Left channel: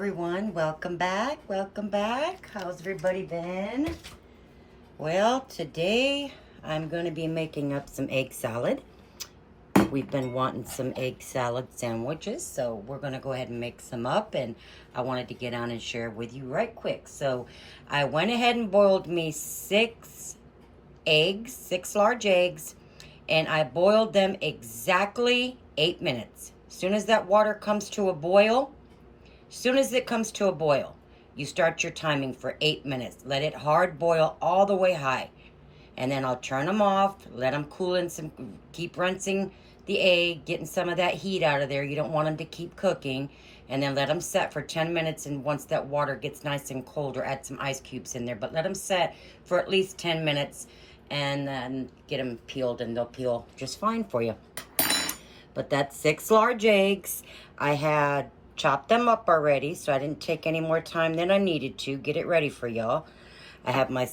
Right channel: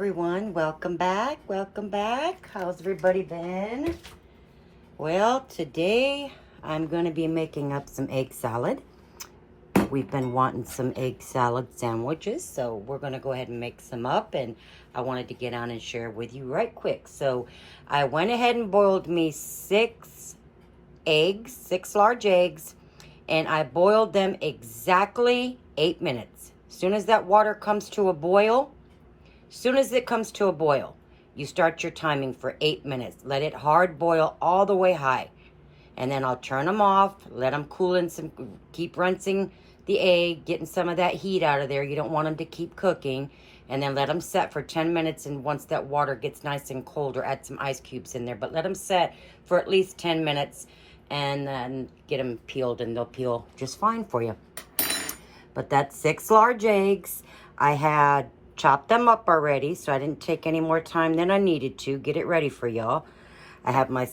everyone, welcome back. How's everybody been? Well, today I'm going to be making up some egg salad. We've been wanting some egg salad sandwiches, so we're going to go ahead and make some up, and I wanted to get on and share with you right quick. So I went ahead and boiled me 6 large eggs, and I boiled them exactly 8 minutes. As soon as that water comes to a boil, you start your timing for 8 minutes. Let it hard boil all the way high. And then I'll turn them off, let them cool in some, keep rinsing the egg, getting some of that heat out of there. You don't want them to keep cooking. And then let them set for 10 minutes. And once that water gets nice and cold, or add some ice cubes in there. But let them set for at least 10 minutes. And then get them peeled, and they'll peel just fine for you. But that's 6 large eggs. I had chopped them up already, so I didn't take any more time than I needed to get it ready for y'all. I have my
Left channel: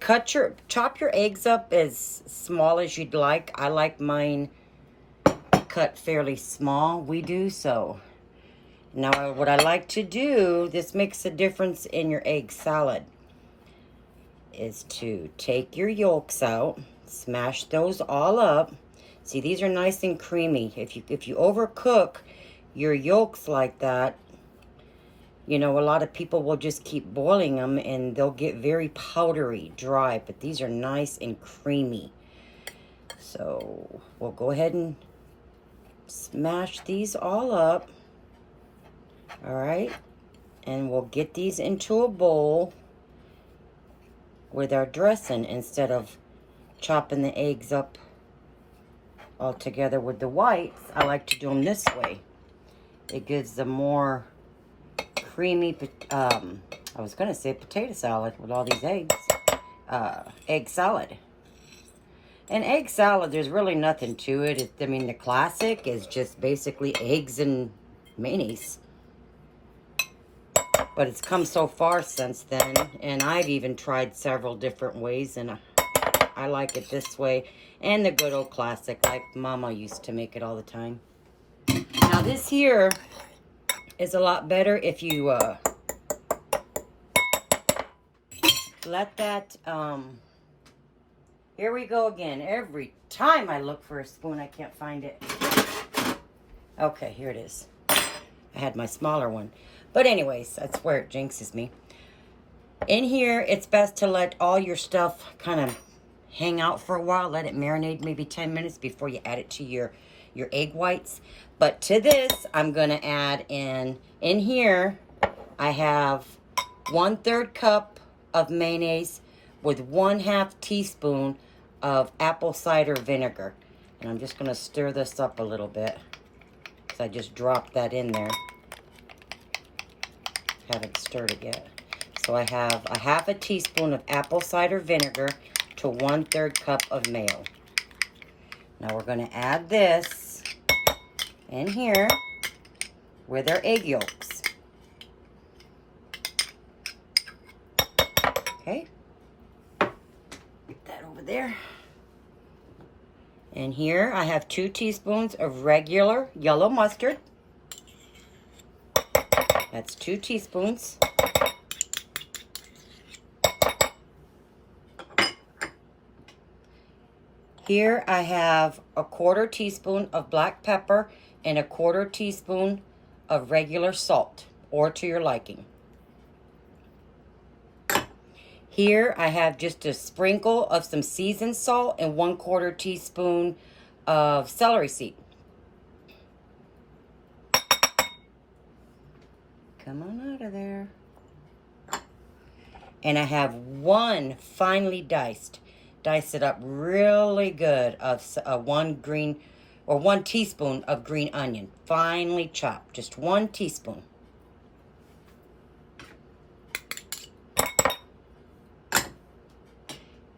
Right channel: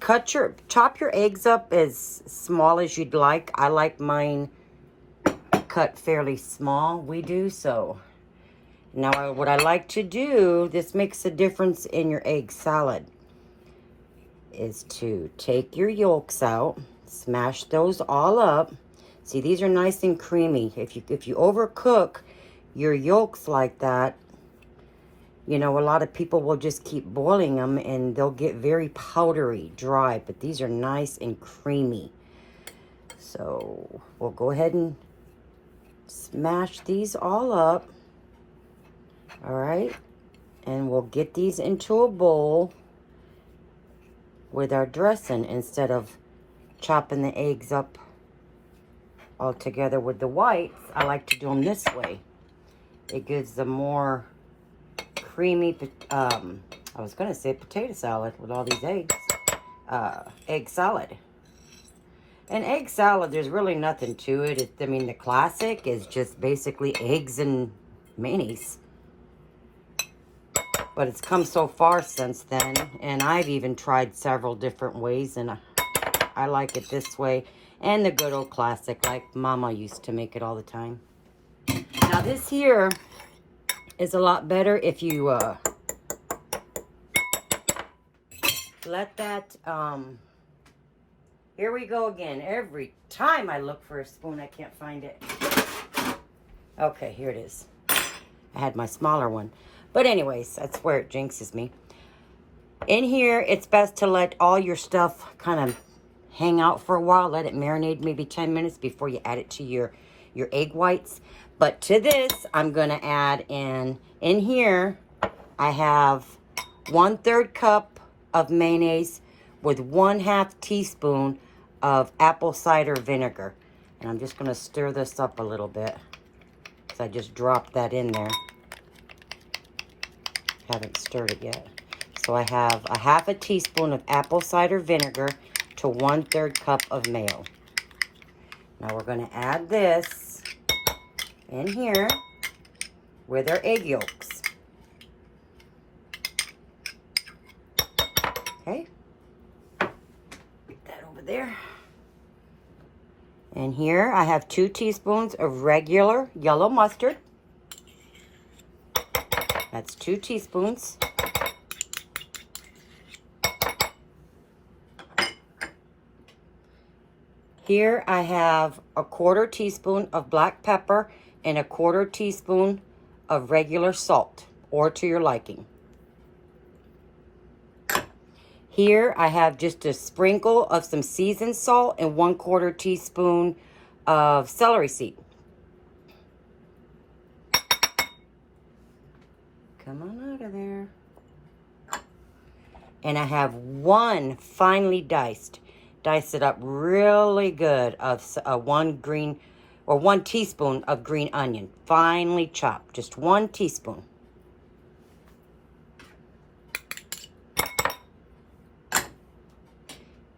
chop your eggs up as small as you'd like. I like mine cut fairly small. We do so. Now what I like to do, this makes a difference in your egg salad, is to take your yolks out, smash those all up. See, these are nice and creamy. If you overcook your yolks like that, you know, a lot of people will just keep boiling them and they'll get very powdery, dry, but these are nice and creamy. So we'll go ahead and smash these all up. All right, and we'll get these into a bowl with our dressing instead of chopping the eggs up all together with the whites. I like to do them this way. It gives them more creamy, I was going to say potato salad with all these eggs. Egg salad. And egg salad, there's really nothing to it. I mean, the classic is just basically eggs and mayonnaise. But it's come so far since then, and I've even tried several different ways, and I like it this way. And the good old classic, like Mama used to make it all the time. Now this here is a lot better if you let that, here we go again. Every time I look for a spoon, I can't find it. Okay, here it is. I had my smaller one. But anyways, that's where it jinxes me. In here, it's best to let all your stuff kind of hang out for a while. Let it marinate maybe 10 minutes before you add it to your egg whites. But to this, I'm going to add in here, I have 1/3 cup of mayonnaise with 1/2 teaspoon of apple cider vinegar. And I'm just going to stir this up a little bit. So I just dropped that in there. Haven't stirred it yet. So I have 1/2 teaspoon of apple cider vinegar to 1/3 cup of mayo. Now we're going to add this in here with our egg yolks. Okay. Get that over there. And here I have 2 teaspoons of regular yellow mustard. That's 2 teaspoons. Here I have 1/4 teaspoon of black pepper and 1/4 teaspoon of regular salt, or to your liking. Here I have just a sprinkle of some seasoned salt and 1/4 teaspoon of celery seed. Come on out of there. And I have 1 finely diced, dice it up really good, of 1 teaspoon of green onion, finely chopped, just 1 teaspoon.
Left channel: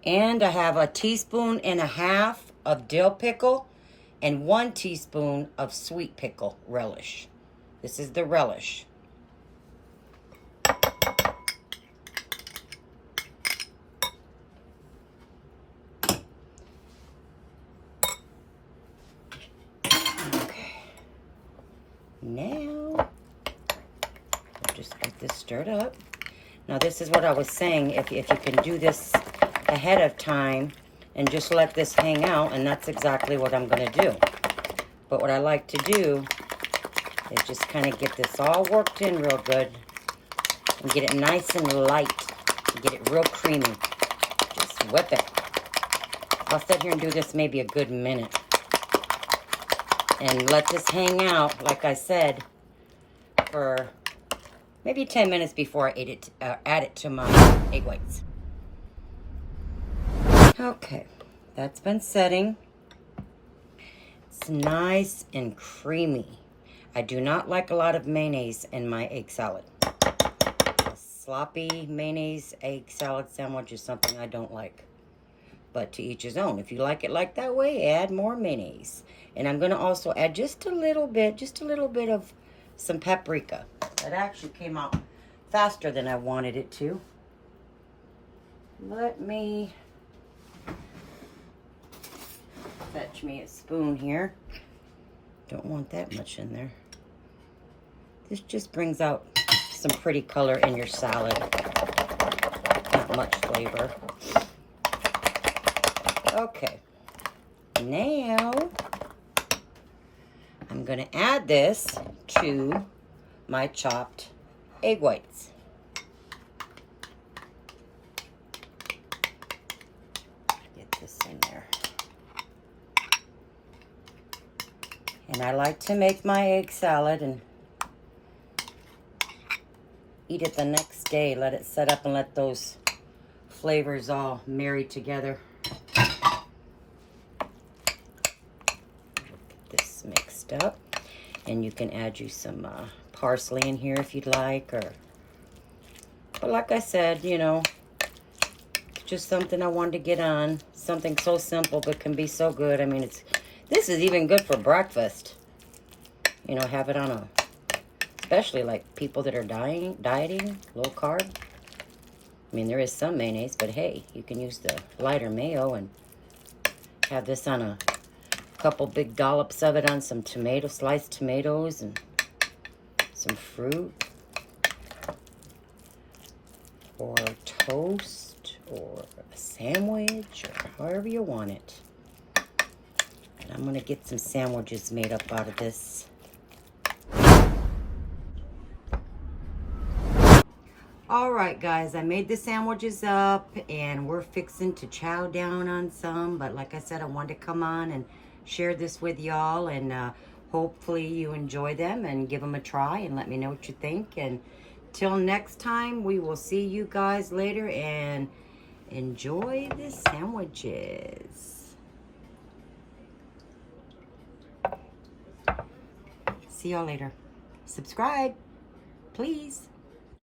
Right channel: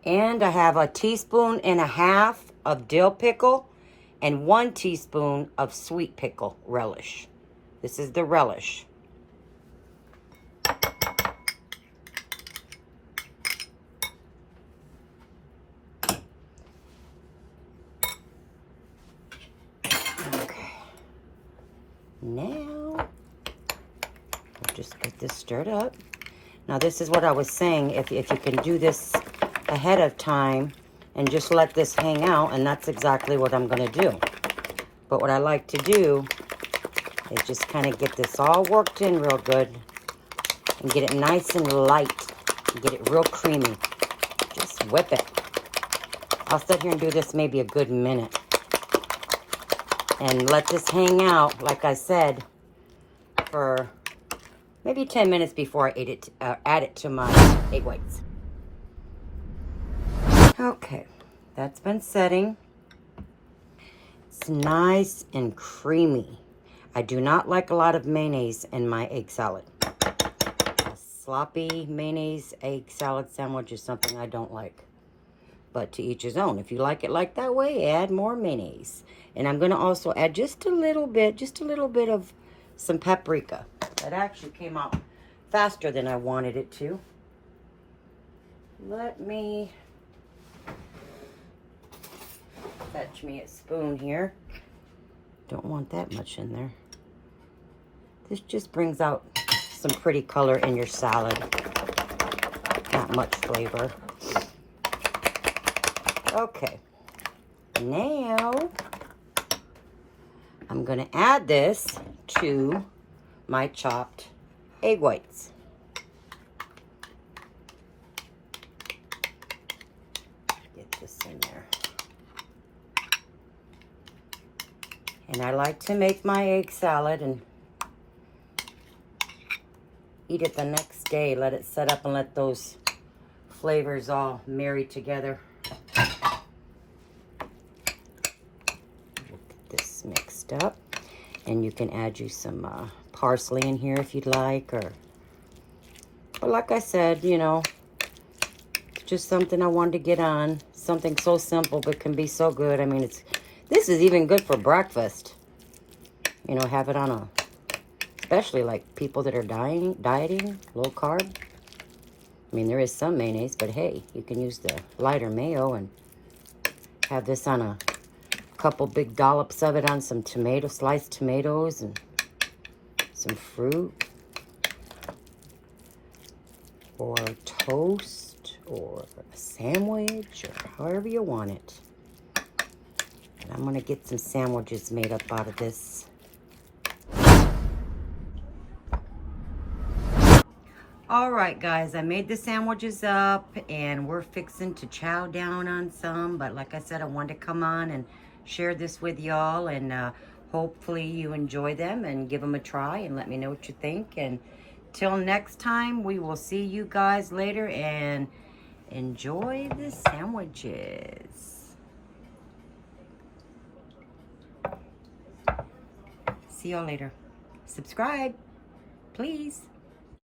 And I have 1.5 teaspoons of dill pickle and 1 teaspoon of sweet pickle relish. This is the relish. Now, this stirred up. Now this is what I was saying, if you can do this ahead of time and just let this hang out, and that's exactly what I'm gonna do. But what I like to do is just kind of get this all worked in real good and get it nice and light, and get it real creamy. Just whip it. I'll sit here and do this maybe a good minute. And let this hang out, like I said, for maybe 10 minutes before I add it to my egg whites. Okay, that's been setting. It's nice and creamy. I do not like a lot of mayonnaise in my egg salad. A sloppy mayonnaise egg salad sandwich is something I don't like. But to each his own. If you like it like that way, add more mayonnaise. And I'm gonna also add just a little bit of some paprika. That actually came out faster than I wanted it to. Let me fetch me a spoon here. Don't want that much in there. This just brings out some pretty color in your salad. Not much flavor. Okay, now I'm gonna add this to my chopped egg whites. Get this in there. And I like to make my egg salad and eat it the next day. Let it set up and let those flavors all marry together. Mixed up, and you can add you some parsley in here if you'd like, but like I said, you know, just something I wanted to get on, something so simple but can be so good. I mean, this is even good for breakfast, you know, have it on a, especially like people that are dieting, low carb. I mean, there is some mayonnaise, but hey, you can use the lighter mayo and have this on a couple big dollops of it on some sliced tomatoes and some fruit, or toast, or a sandwich, or however you want it. And I'm gonna get some sandwiches made up out of this. All right, guys, I made the sandwiches up and we're fixing to chow down on some, but like I said, I wanted to come on and share this with y'all, and hopefully you enjoy them and give them a try and let me know what you think. And till next time, we will see you guys later, and enjoy the sandwiches. See y'all later. Subscribe, please.